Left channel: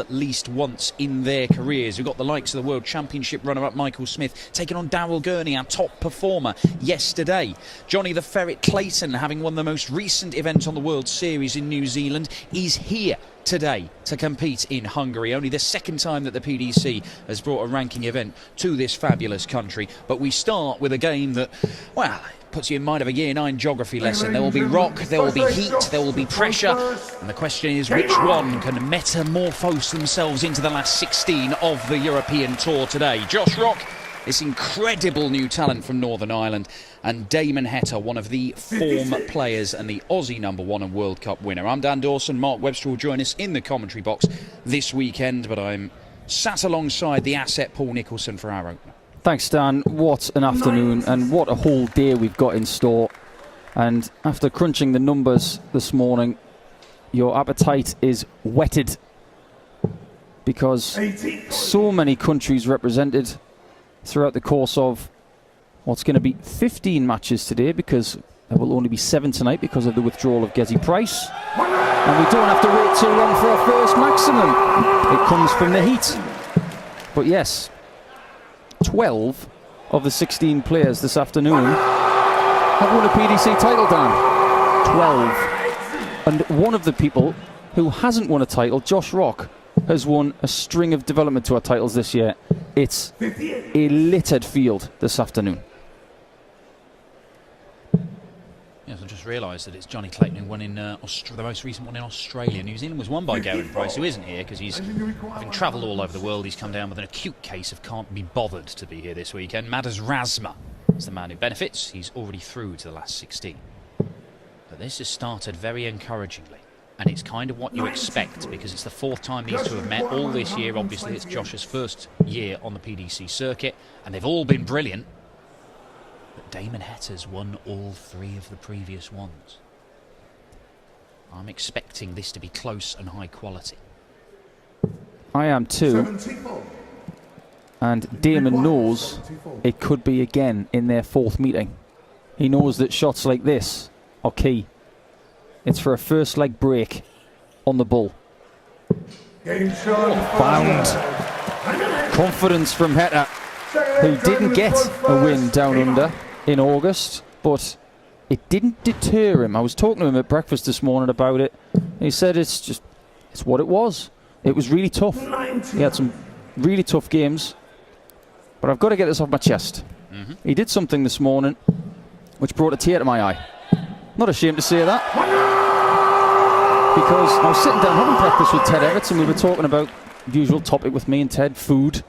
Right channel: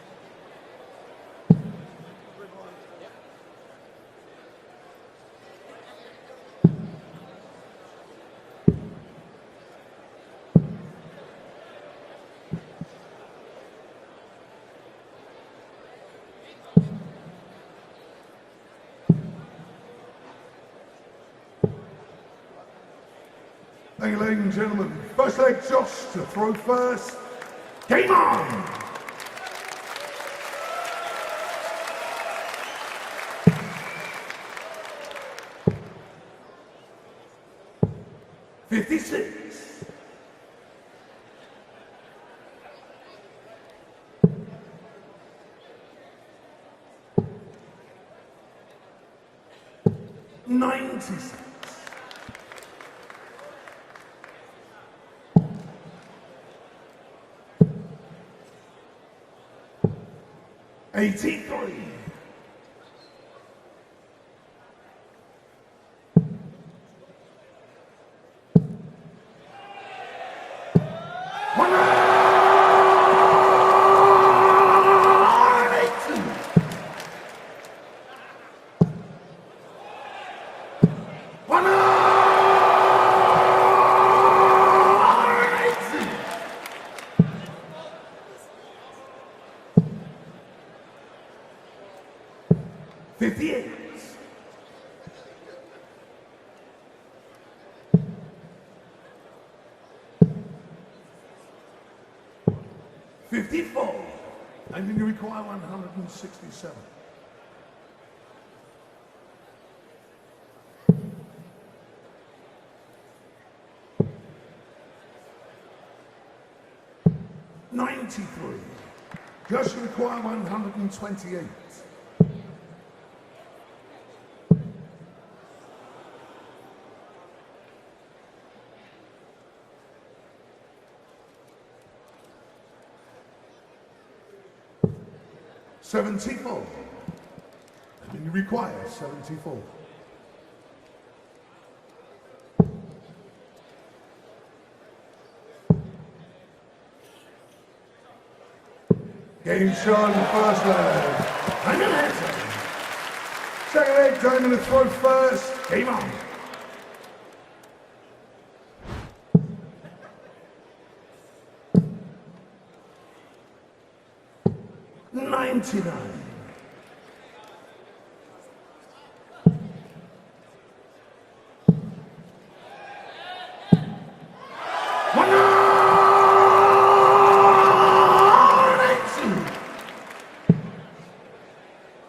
at least once in their careers. We've got the likes of the World Championship runner-up Michael Smith taking on Darrell Gurney, our top performer, yesterday. Johnny the Ferret Clayton, having won the most recent event on the World Series in New Zealand, is here today to compete in Hungary. Only the second time that the PDC has brought a ranking event to this fabulous country. But we start with a game that, well, puts you in mind of a Year 9 geography lesson. There will be rock, there will be heat, there will be pressure, and the question is which one can metamorphose themselves into the last 16 of the European Tour today. Josh Rock, this incredible new talent from Northern Ireland, and Damon Heta, one of the form players and the Aussie #1 and World Cup winner. I'm Dan Dawson. Mark Webster will join us in the commentary box this weekend, but I'm sat alongside the asset Paul Nicholson for our opener. Thanks, Dan. What an afternoon and what a whole day we've got in store. And after crunching the numbers this morning, your appetite is whetted because so many countries represented throughout the course of what's going to be 15 matches today, because there will only be 7 tonight because of the withdrawal of Gezi Price. And we don't have to wait too long for our first maximum. It comes from the heat. But yes, 12 of the 16 players this afternoon have won a PDC title, Dan. 12. And one of the people who hasn't won a title, Josh Rock, has won a string of development tour titles this year. It's a littered field this afternoon. Yes, I just realised that it's Johnny Clayton who won in the most recent one in Australia. New Zealand was won by Gary Price, who isn't here because he's having travelled all over the world. He's come down with an acute case of can't be bothered to be here this weekend. Madas Razma is the man who benefits. He's already through to the last 16. But this has started very encouragingly. And it's kind of what you expect, because it's the 4th time these two have met. All this year, obviously, it's Josh's first year on the PDC circuit, and they've all been brilliant. But Damon Heta's won all 3 of the previous ones. I'm expecting this to be close and high quality. I am too. And Damon knows it could be again in their 4th meeting. He knows that shots like this are key. It's for a first leg break on the bull. Bound. Confidence from Heta, who didn't get a win down under in August, but it didn't deter him. I was talking to him at breakfast this morning about it. He said it's what it was. It was really tough. He had some really tough games, but I've got to get this off my chest. He did something this morning which brought a tear to my eye. Not ashamed to say that, because I was sitting down having breakfast with Ted Everts, and we were talking about the usual topic with me and Ted, food.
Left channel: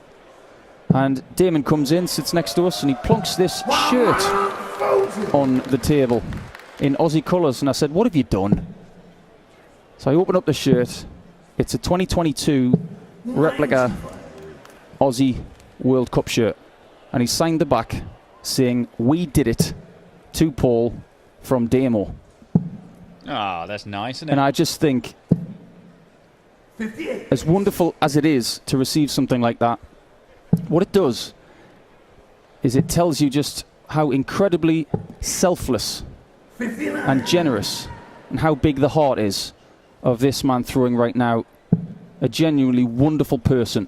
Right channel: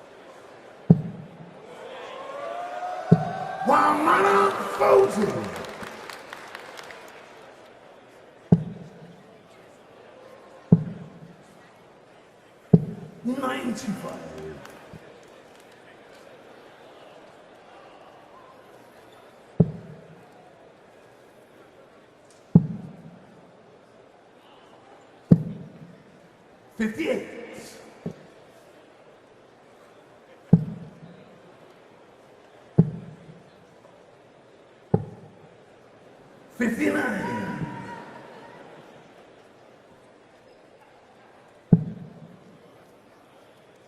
And Damon comes in, sits next to us, and he plonks this shirt on the table in Aussie colours. And I said, "What have you done?" So I open up the shirt. It's a 2022 replica Aussie World Cup shirt, and he signed the back saying, "We did it to Paul from Damon." Ah, that's nice, isn't it? And I just think, as wonderful as it is to receive something like that, what it does is it tells you just how incredibly selfless and generous and how big the heart is of this man throwing right now. A genuinely wonderful person.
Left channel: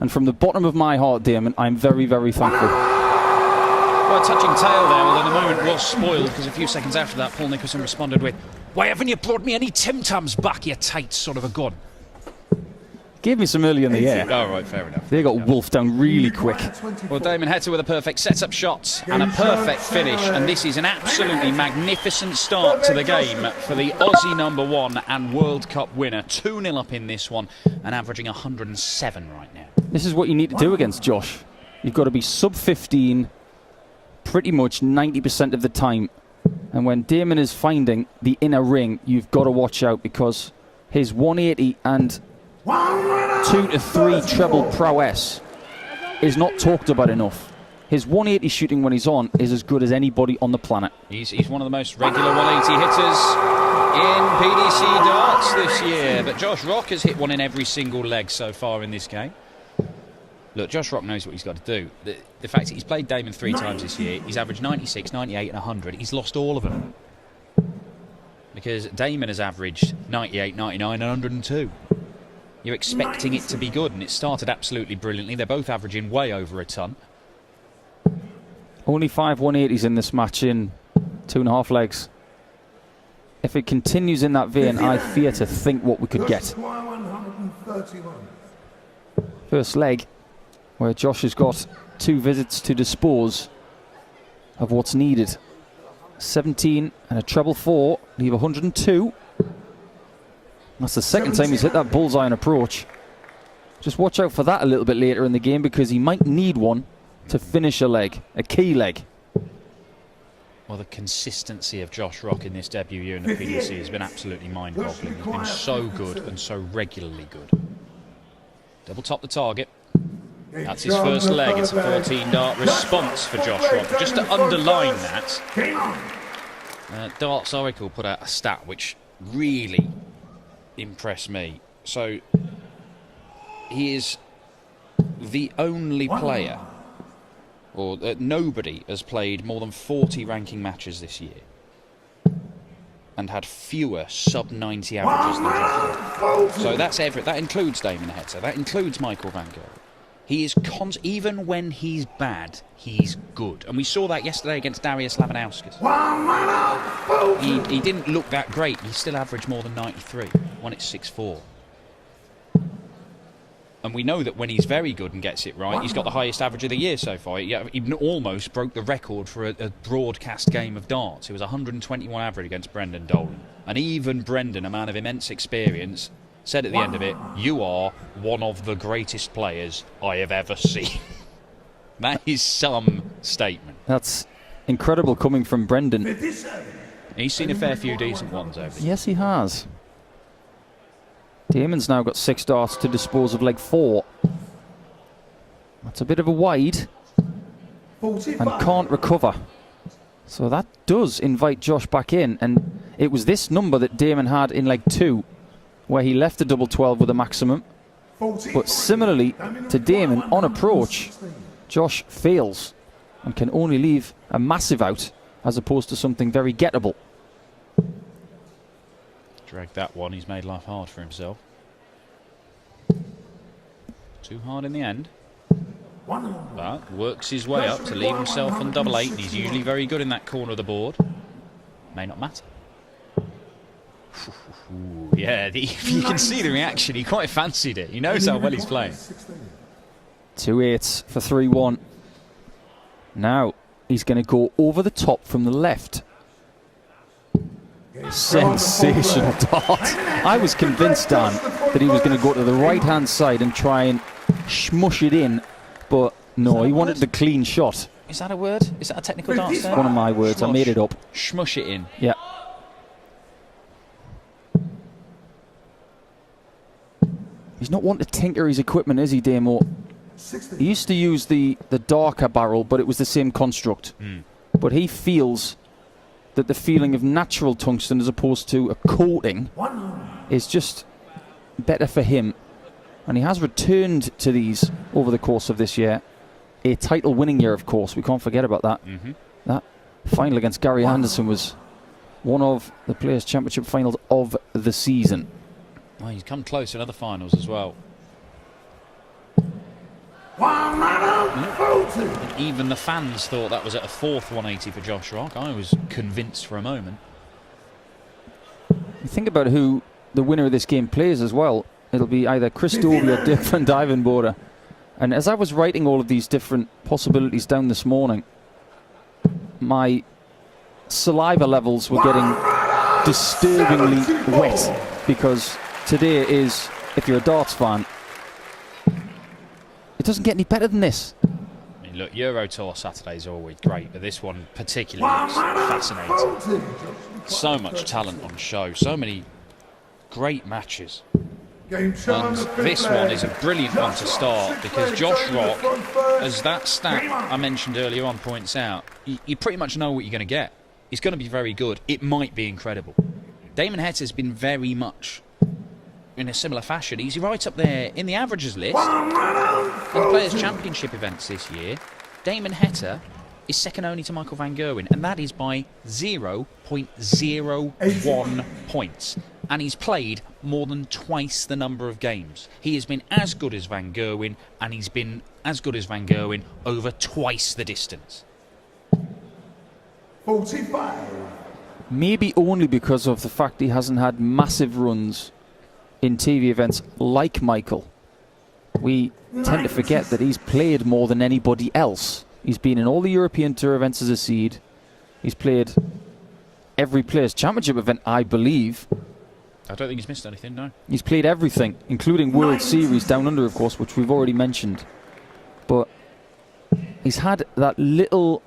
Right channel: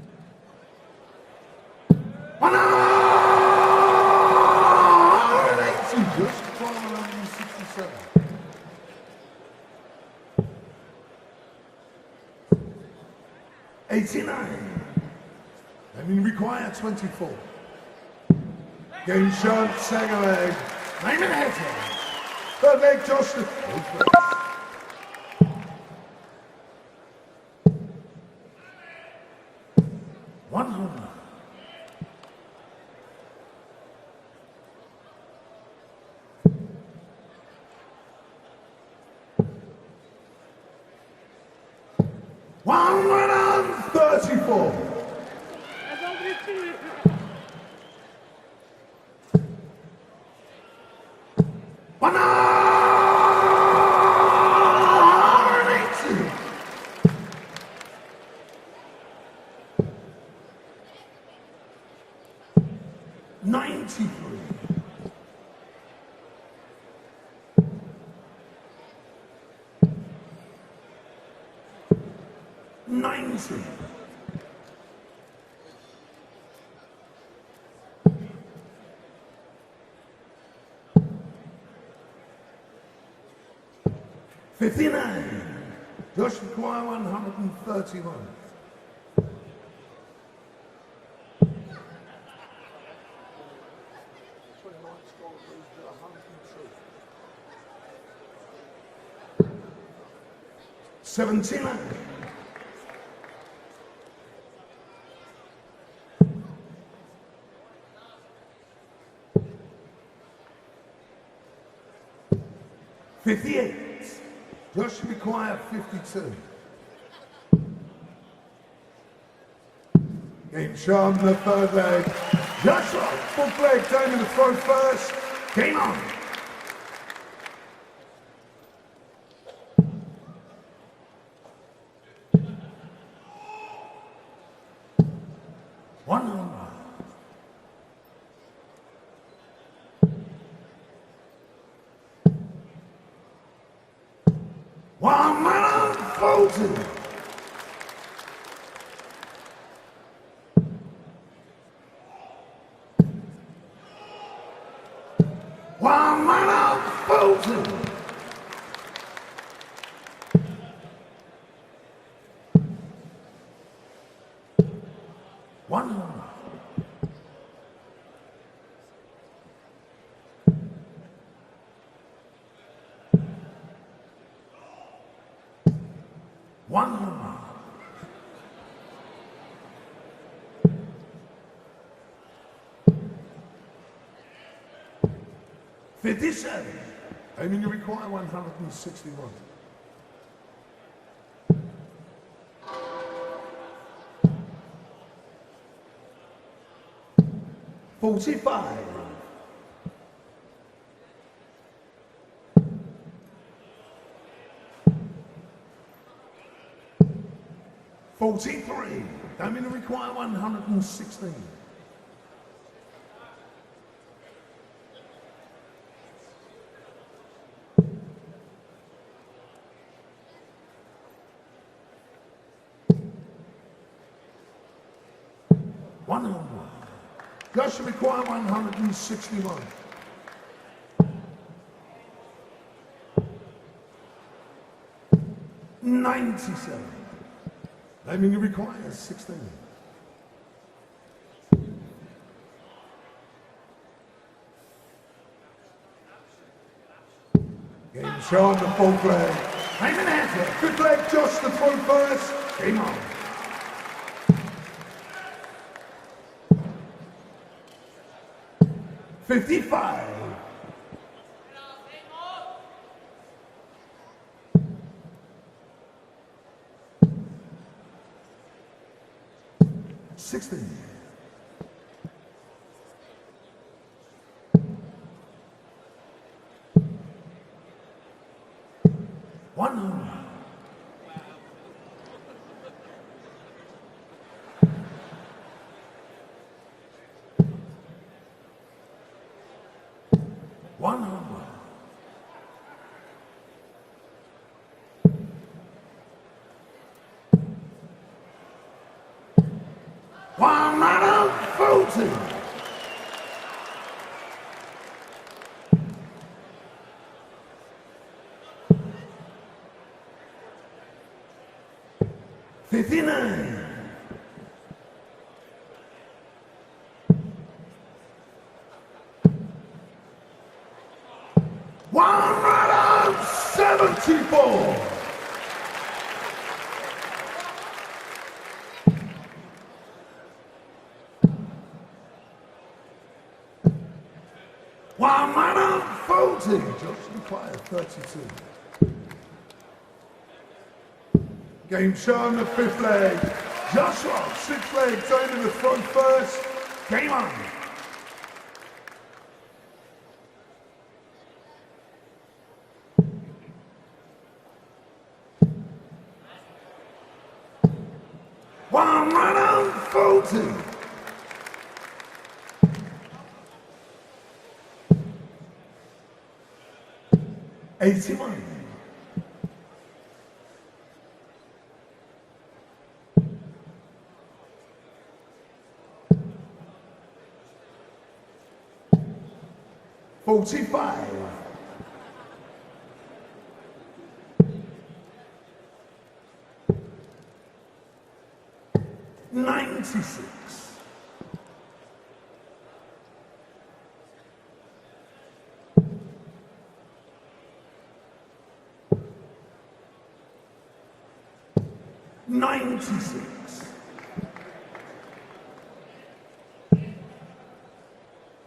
And from the bottom of my heart, Damon, I'm very, very thankful. Quite touching tale there, although the moment was spoiled, because a few seconds after that, Paul Nicholson responded with, "Why haven't you brought me any Tim Tams back, you tight son of a gun?" Gave me some early in the year. Oh, right, fair enough. They got wolfed down really quick. Well, Damon Heta with a perfect set-up shot and a perfect finish, and this is an absolutely magnificent start to the game for the Aussie #1 and World Cup winner. 2-0 up in this one and averaging 107 right now. This is what you need to do against Josh. You've got to be sub 15 pretty much 90% of the time. And when Damon is finding the inner ring, you've got to watch out, because his 180 and 2 to 3 treble prowess is not talked about enough. His 180 shooting when he's on is as good as anybody on the planet. He's one of the most regular 180 hitters in PDC darts this year. But Josh Rock has hit one in every single leg so far in this game. Look, Josh Rock knows what he's got to do. The fact that he's played Damon 3 times this year, he's averaged 96, 98 and 100. He's lost all of them. Because Damon has averaged 98, 99 and 102. you're expecting it to be good, and it started absolutely brilliantly. They're both averaging way over a ton. Only 5 180s in this match in 2.5 legs. If it continues in that vein, I fear to think what we could get. First leg, where Josh has got 2 visits to dispose of what's needed. 17 and a treble 4, leave 102. That's the second time he's hit that bullseye on approach. Just watch out for that a little bit later in the game, because he might need one to finish a leg, a key leg. Well, the consistency of Josh Rock in this debut year in the PDC has been absolutely mind-boggling. He's been so good and so regularly good. Double top the target. That's his first leg. It's a 14-dart response for Josh Rock. Just to underline that, Darts Oracle put out a stat which really impressed me. So he is the only player, or nobody has played more than 40 ranking matches this year and had fewer sub-90 averages than Josh. So that's that includes Damon Heta, that includes Michael Van Gerwen. He is even when he's bad, he's good. And we saw that yesterday against Darius Lavanauskas. He didn't look that great. He still averaged more than 93. Won it 6-4. And we know that when he's very good and gets it right, he's got the highest average of the year so far. He even almost broke the record for a broadcast game of darts. It was 121 average against Brendan Dolan. And even Brendan, a man of immense experience, said at the end of it, "You are one of the greatest players I have ever seen." That is some statement. That's incredible coming from Brendan. He's seen a fair few decent ones over. Yes, he has. Damon's now got 6 darts to dispose of leg 4. That's a bit of a wide and can't recover. So that does invite Josh back in, and it was this number that Damon had in leg 2, where he left a double 12 with a maximum. But similarly to Damon, on approach, Josh fails and can only leave a massive out as opposed to something very gettable. Drag that one, he's made life hard for himself. Too hard in the end. But works his way up to leave himself on double 8. He's usually very good in that corner of the board. May not matter. Ooh, yeah, you can see the reaction. He quite fancied it. He knows how well he's playing. 2 8s for 3-1. Now he's going to go over the top from the left. Sensational dart. I was convinced, Dan, that he was going to go to the right-hand side and try and smush it in, but no, he wanted the clean shot. Is that a word? Is that a technical dart term? One of my words. I made it up. Smush it in. Yeah. He's not one to tinker his equipment, is he, Damo? He used to use the darker barrel, but it was the same construct. But he feels that the feeling of natural tungsten as opposed to a coating is just better for him. And he has returned to these over the course of this year. A title-winning year, of course. We can't forget about that. That final against Gary Anderson was one of the Players' Championship finals of the season. Well, he's come close in other finals as well. Even the fans thought that was at a 4th 180 for Josh Rock. I was convinced for a moment. You think about who the winner of this game plays as well. It'll be either Chris Dobie or Dirk van Duijvenbode. And as I was writing all of these different possibilities down this morning, my saliva levels were getting disturbingly wet, because today is, if you're a darts fan, it doesn't get any better than this. I mean, look, Euro Tour Saturdays are always great, but this one particularly was fascinating. So much talent on show, so many great matches. And this one is a brilliant one to start, because Josh Rock, as that stat I mentioned earlier on points out, you pretty much know what you're going to get. He's going to be very good. It might be incredible. Damon Heta has been very much in a similar fashion. He's right up there in the averages list of the Players' Championship events this year. Damon Heta is second only to Michael Van Gerwen, and that is by 0.01 points. and he's played more than twice the number of games. He has been as good as Van Gerwen, and he's been as good as Van Gerwen over twice the distance. 45. Maybe only because of the fact he hasn't had massive runs in TV events like Michael. We tend to forget that he's played more than anybody else. He's been in all the European Tour events as a seed. He's played every Players' Championship event, I believe. I don't think he's missed anything, no. He's played everything, including World Series Down Under, of course, which we've already mentioned. But he's had that little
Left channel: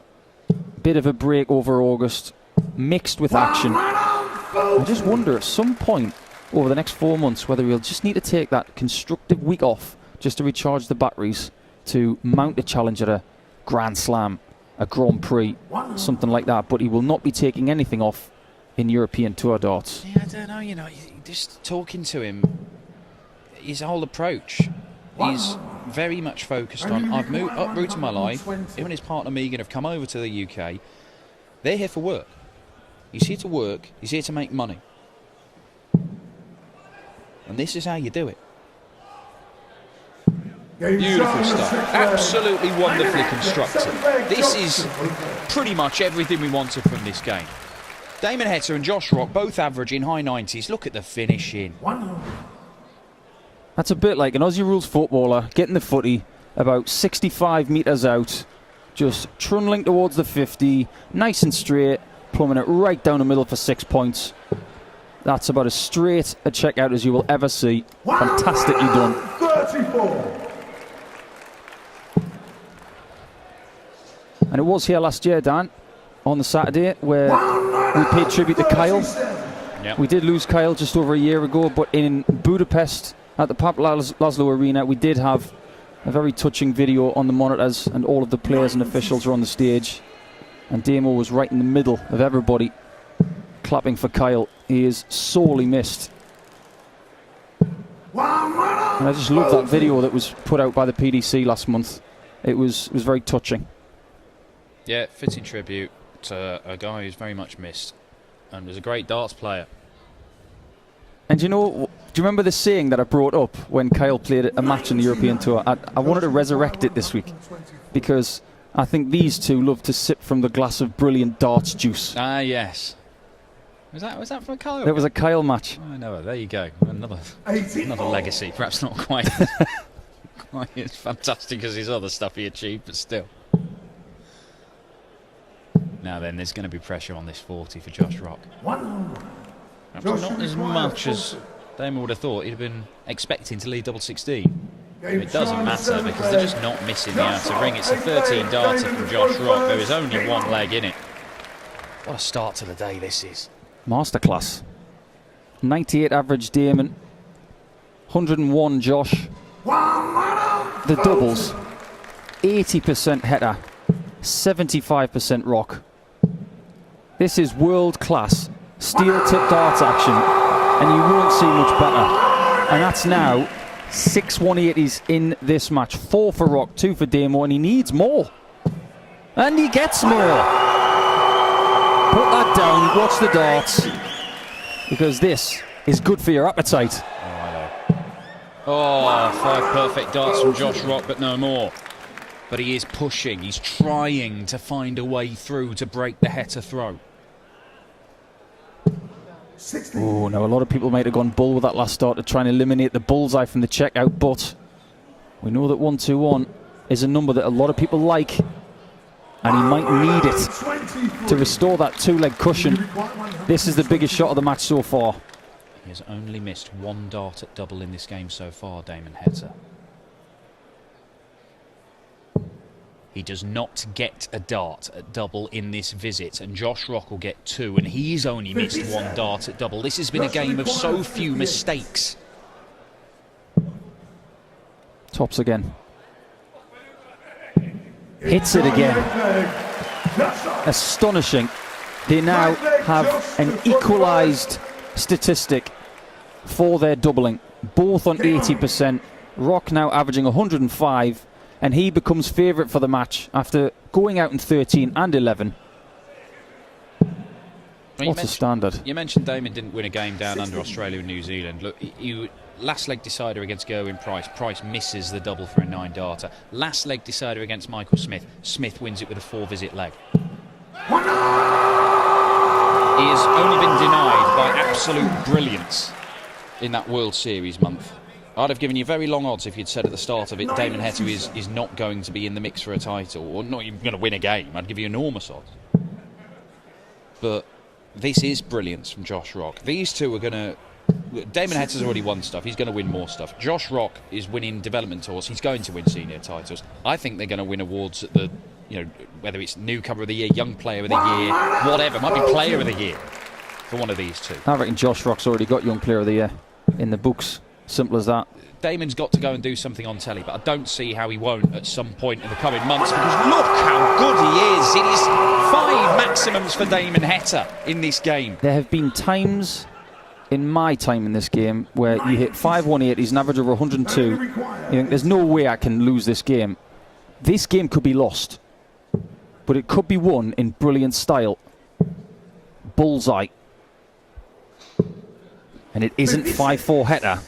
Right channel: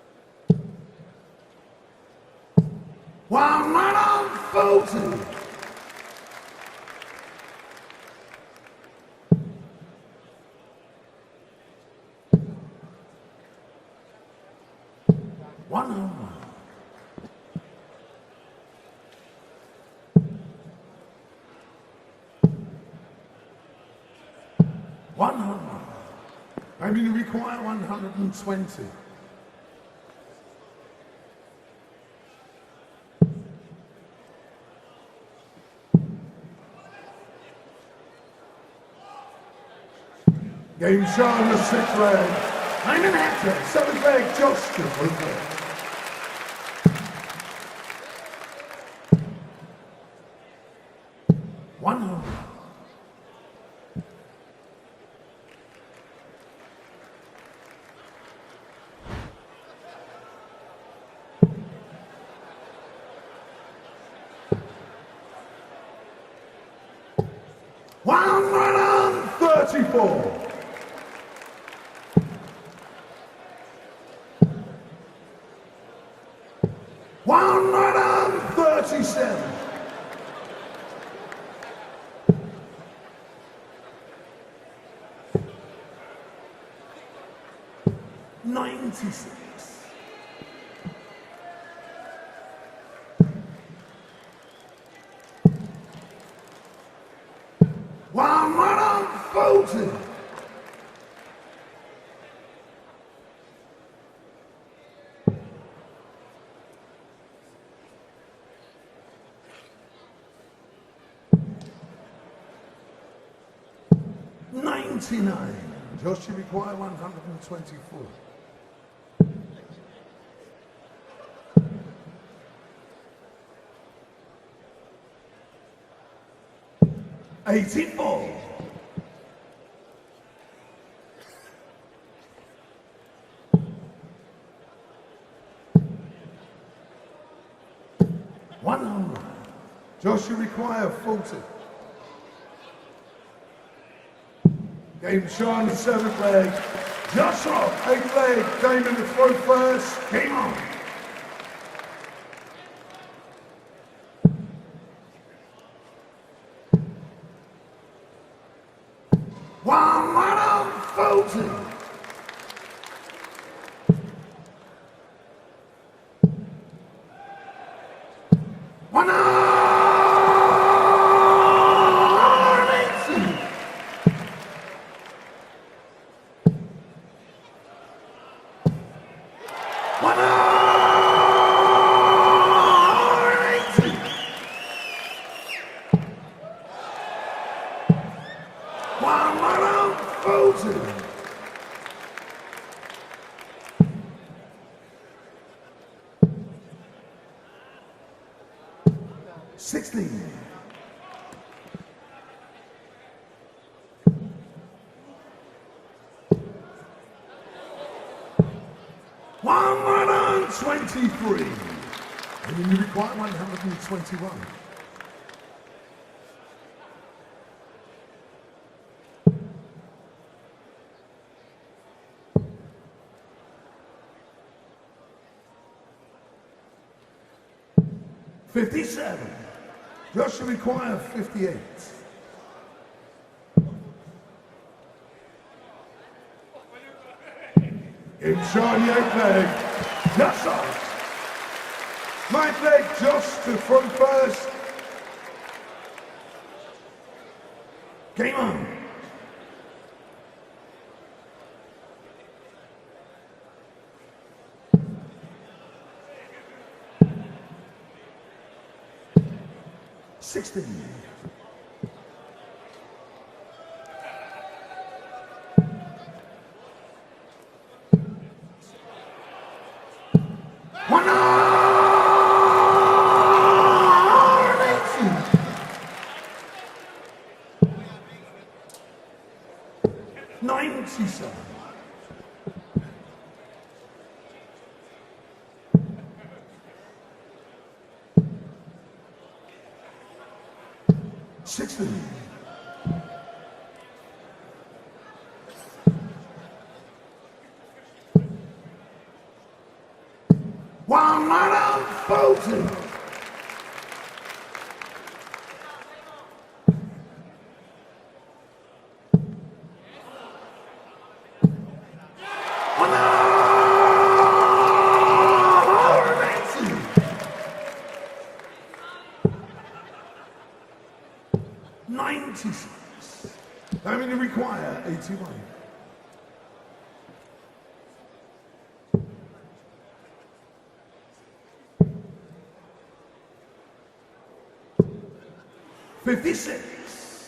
bit of a break over August, mixed with action. I just wonder at some point over the next 4 months whether he'll just need to take that constructive week off just to recharge the batteries to mount a challenge at a Grand Slam, a Grand Prix, something like that. But he will not be taking anything off in European Tour darts. Yeah, I don't know, you know, just talking to him, his whole approach is very much focused on, I've moved uprooted my life, him and his partner Megan have come over to the UK, they're here for work. He's here to work, he's here to make money. And this is how you do it. Beautiful stuff. Absolutely wonderfully constructed. This is pretty much everything we wanted from this game. Damon Heta and Josh Rock both averaging high 90s. Look at the finishing. That's a bit like an Aussie rules footballer getting the footy about 65 metres out, just trundling towards the 50, nice and straight, plumbing it right down the middle for 6 points. That's about as straight a checkout as you will ever see. Fantastically done. 34. And it was here last year, Dan, on the Saturday, where we paid tribute to Kyle. Yep. We did lose Kyle just over a year ago, but in Budapest at the Pap Laszlo Arena, we did have a very touching video on the monitors, and all of the players and officials were on the stage. And Damon was right in the middle of everybody clapping for Kyle. He is sorely missed. And I just love that video that was put out by the PDC last month. It was very touching. Yeah, fitting tribute to a guy who's very much missed and was a great darts player. And do you remember the saying that I brought up when Kyle played a match in the European Tour? I wanted to resurrect it this week because I think these two love to sip from the glass of brilliant darts juice. Ah, yes. Was that for Kyle? That was a Kyle match. I know. There you go. Another legacy. Perhaps not quite as fantastic as his other stuff he achieved, but still. Now then, there's going to be pressure on this 40 for Josh Rock. Perhaps not as much as Damon would have thought. He'd have been expecting to lead double 16. It doesn't matter because they're just not missing the outer ring. It's a 13 darter from Josh Rock. There is only one leg in it. What a start to the day this is. Masterclass. 98 average Damon. 101 Josh. The doubles. 80% Heta. 75% Rock. This is world-class steel-tip darts action, and you won't see much better. And that's now 6 180s in this match. 4 for Rock, 2 for Damon, and he needs more. And he gets more. Put that down, watch the darts, because this is good for your appetite. Oh, 5 perfect darts from Josh Rock, but no more. But he is pushing, he's trying to find a way through to break the Heta throw. Oh, now a lot of people might have gone bull with that last start to try and eliminate the bullseye from the checkout, but we know that 121 is a number that a lot of people like, and he might need it to restore that 2-leg cushion. This is the biggest shot of the match so far. He has only missed 1 dart at double in this game so far, Damon Heta. He does not get a dart at double in this visit, and Josh Rock will get 2, and he's only missed 1 dart at double. This has been a game of so few mistakes. Tops again. Hits it again. Astonishing. They now have an equalised statistic for their doubling, both on 80%. Rock now averaging 105. And he becomes favourite for the match after going out in 13 and 11. mean, What's the standard? You mentioned Damon didn't win a game down under Australia and New Zealand. Look, last leg decider against Gerwyn Price. Price misses the double for a 9-darter. Last leg decider against Michael Smith. Smith wins it with a 4-visit leg. He has only been denied by absolute brilliance in that World Series month. I'd have given you very long odds if you'd said at the start of it Damon Heta is not going to be in the mix for a title, or not even going to win a game. I'd give you enormous odds. But this is brilliance from Josh Rock. These two are going to... Damon Heta's already won stuff. He's going to win more stuff. Josh Rock is winning development tours. He's going to win senior titles. I think they're going to win awards at the, whether it's newcomer of the year, young player of the year, whatever. It might be player of the year for one of these two. I reckon Josh Rock's already got young player of the year in the books. Simple as that. Damon's got to go and do something on telly, but I don't see how he won't at some point in the coming months, because look how good he is. It is 5 maximums for Damon Heta in this game. There have been times in my time in this game where you hit 5-1-8, he's an average of 102. You think, there's no way I can lose this game. This game could be lost, but it could be won in brilliant style. Bullseye. And it isn't 5-4 Heta.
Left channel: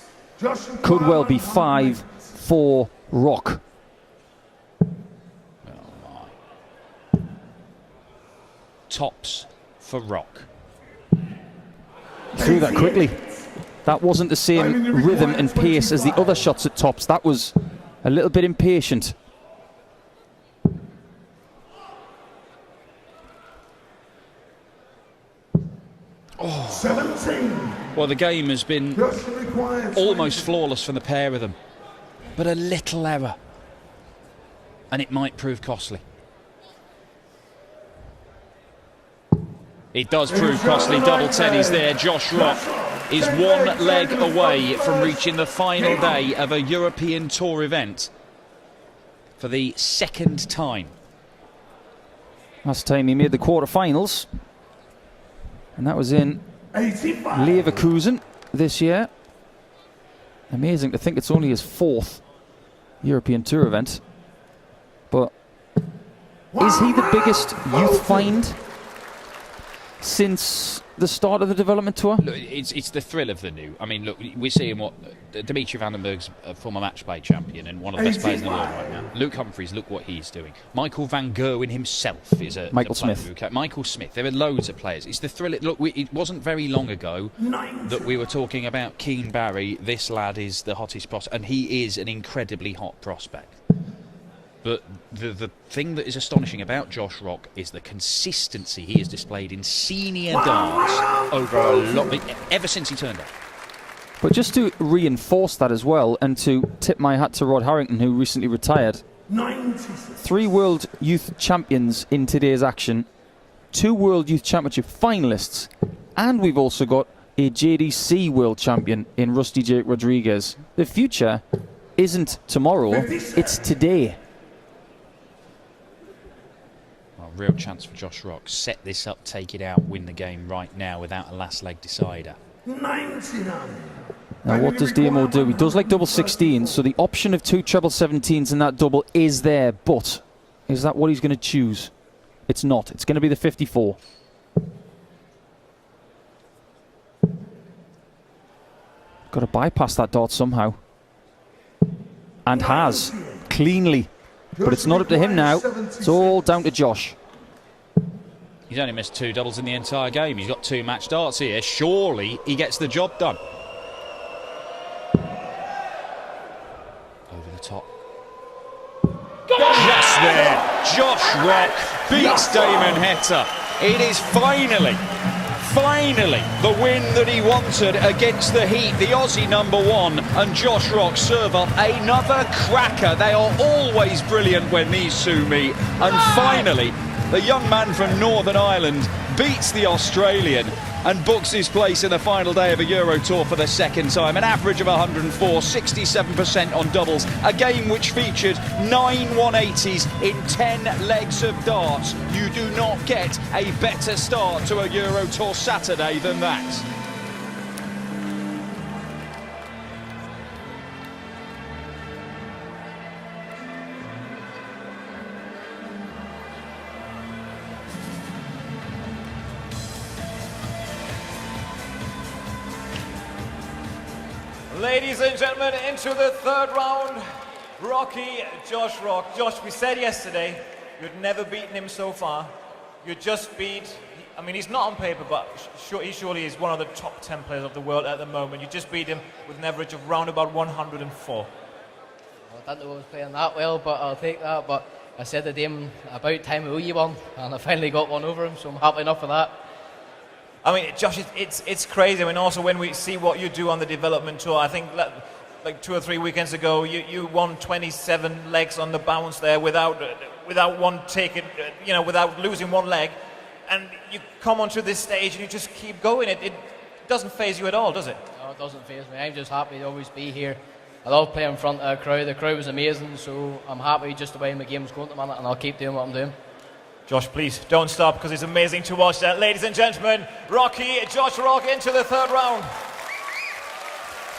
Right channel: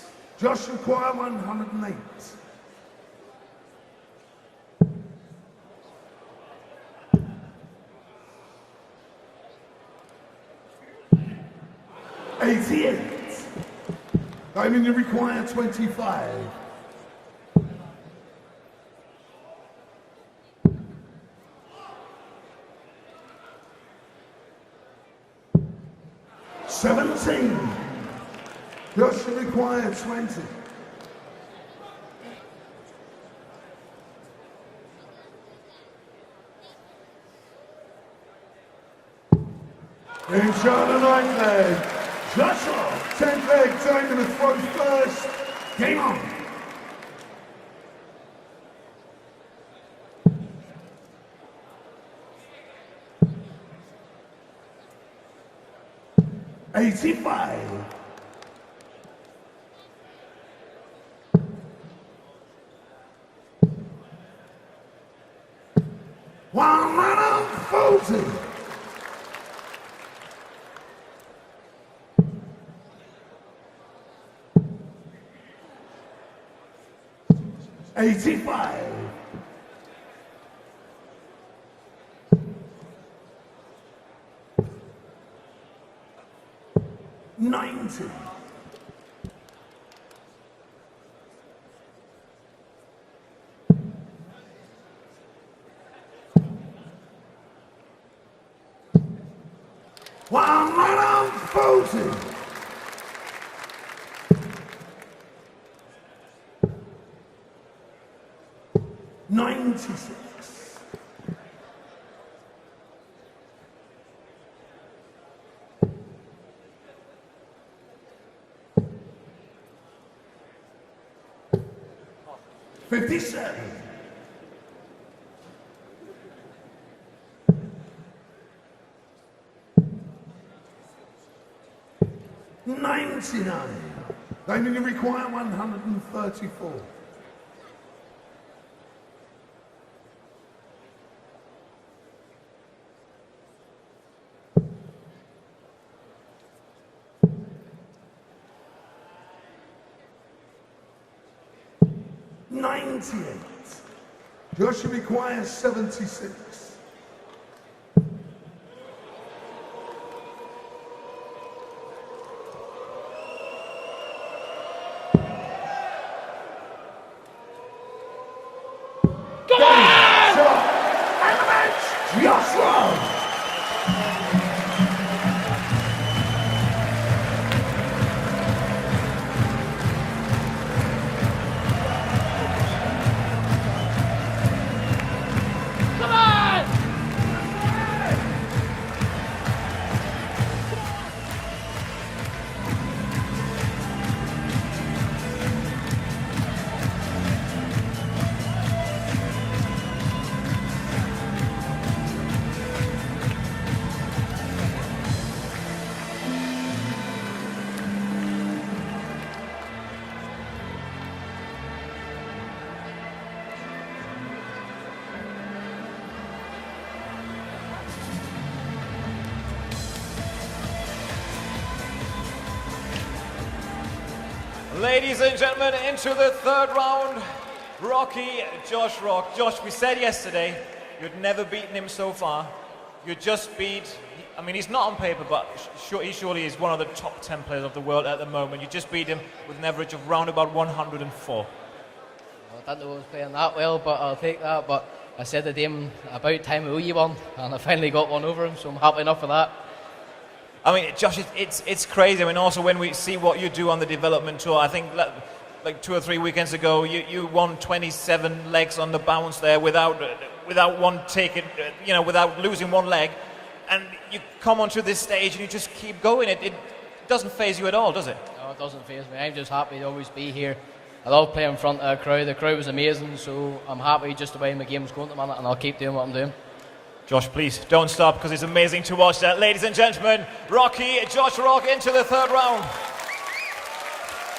Could well be 5-4 Rock. Tops for Rock. Threw that quickly. That wasn't the same rhythm and pace as the other shots at tops. That was a little bit impatient. Oh. 17. Well, the game has been almost flawless from the pair of them, but a little error, and it might prove costly. It does prove costly. Double teddies there. Josh Rock is 1 leg away from reaching the final day of a European Tour event for the 2nd time. Last time he made the quarterfinals, and that was in Leverkusen this year. Amazing to think it's only his 4th European Tour event. But is he the biggest youth find since the start of the development tour? Look, it's the thrill of the new. I mean, look, we're seeing what Dimitri Vandenberg's a former match play champion and one of the best players in the world right now. Luke Humphries, look what he's doing. Michael van Gerwen himself is a Michael Smith. Michael Smith. There are loads of players. It's the thrill. Look, it wasn't very long ago that we were talking about Keane Barry. This lad is the hottest prospect, and he is an incredibly hot prospect. But the thing that is astonishing about Josh Rock is the consistency he has displayed in senior darts over a lot, ever since he turned up. But just to reinforce that as well, and to tip my hat to Rod Harrington, who recently retired, 3 World Youth Champions in today's action, 2 World Youth Championship finalists, and we've also got a JDC World Champion in Rusty Jake Rodriguez. The future isn't tomorrow, it's today. Real chance for Josh Rock. Set this up, take it out, win the game right now without a last leg decider. 99. Now what does Damon do? He does like double 16s, so the option of 2 treble 17s in that double is there, but is that what he's going to choose? It's not. It's going to be the 54. Got to bypass that dart somehow. And has. Cleanly. But it's not up to him now. It's all down to Josh. He's only missed 2 doubles in the entire game. He's got 2 match darts here. Surely he gets the job done. Over the top. Yes, there. Josh Rock beats Damon Heta. It is finally the win that he wanted against the Heat, the Aussie #1, and Josh Rock serve up another cracker. They are always brilliant when these two meet, and finally the young man from Northern Ireland beats the Australian and books his place in the final day of a Euro Tour for the 2nd time. An average of 104, 67% on doubles. A game which featured 9 180s in 10 legs of darts. You do not get a better start to a Euro Tour Saturday than that. Ladies and gentlemen, into the third round, Rocky Josh Rock. Josh, we said yesterday you'd never beaten him so far. You just beat, I mean, he's not on paper, but he surely is one of the top 10 players of the world at the moment. You just beat him with an average of round about 104. I didn't know I was playing that well, but I'll take that. But I said to Damon, about time we owe you one, and I finally got one over him, so I'm happy enough for that. I mean, Josh, it's crazy. I mean, also when we see what you do on the development tour, I think like 2 or 3 weekends ago, you won 27 legs on the bounce there without one ticket, without losing one leg, and you come onto this stage and you just keep going. It doesn't faze you at all, does it? No, it doesn't faze me. I'm just happy to always be here. I love playing in front of a crowd. The crowd was amazing, so I'm happy just the way my game's going at the minute, and I'll keep doing what I'm doing. Josh, please don't stop, because it's amazing to watch that. Ladies and gentlemen, Rocky Josh Rock into the third round.